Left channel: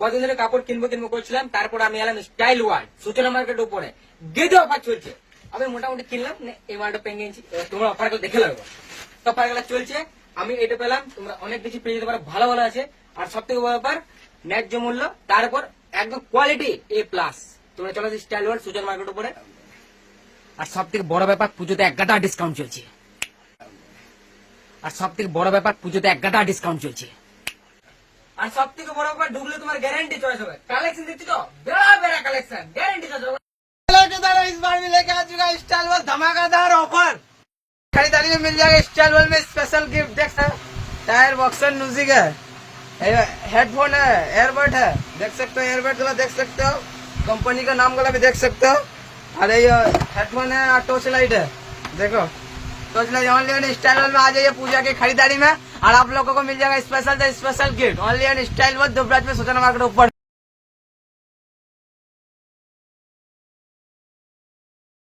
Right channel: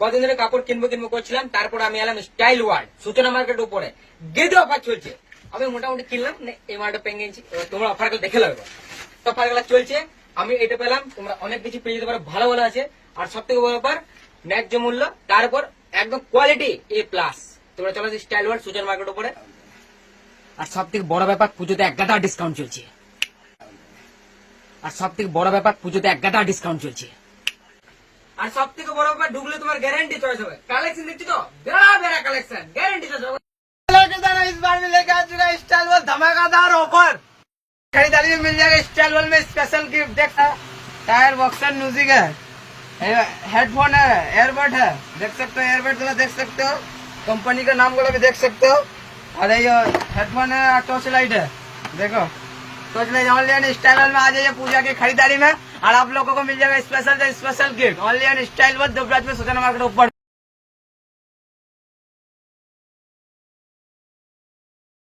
কদিন ধরে কাপড় কিনবো কিনবো করছিলাম, তারপর আমি এলাম স্টাইল ওয়ার্ল্ড সূচনা মার্কেটের উপরে। দ্বিতীয় অফার চলছে। আমি মোটামুটি কিনলাম এই মালটা এবার তোমরা অফারগুলো দেখে লাগবে। অফারগুলো চলছে। আমি এটা পেলাম, তোমরা অনেক কিছু পেয়ে যেতে পারো, ভালো ভালো আছে। আর সব থেকে বড় ব্যাপার, ন্যায্য মূল্য, তার উপর একদম কোয়ালিটি এ প্লাস তোমরা চলো স্টাইল ওয়ার্ল্ড সূচনা মার্কেট উপরে। আর সব থেকে বড় ব্যাপার, পুজোতে এক গাদা ডিসকাউন্ট চলছে। আর সব থেকে বড় ব্যাপার, পুজোতে এক গাদা ডিসকাউন্ট চলছে। আর সব থেকে বড় ব্যাপার ঢুকলে তোমার গ্যারান্টি চয়েস হবে কালেকশন দেখছি তো বেড়া বেড়া কালেকশন গ্যারান্টি চয়েস হবে लेके इस बार में लेके आ चुका है स्टाइल वर्ल्ड धमाकेदार ऑफर खरीदारी में मिल जाएगा स्टाइल वर्ल्ड में स्पेशल गिफ्ट देख सकते हो। टायर बॉक्सर म्यूजिक है हेडफोन है एयरबड है देख सकते हो एयरबड वाला देख सकते हो कंपनी का नाम वाला भी देख सकते हो अरे ये हेडफोन है और टॉर्च लाइट है देखो torch light online style world में आ जाइए पूजा की खरीदारी में और आप लोगों को मिल जाएगा special special gift online style world Dubraj में सूचना मार्केट ऊपर।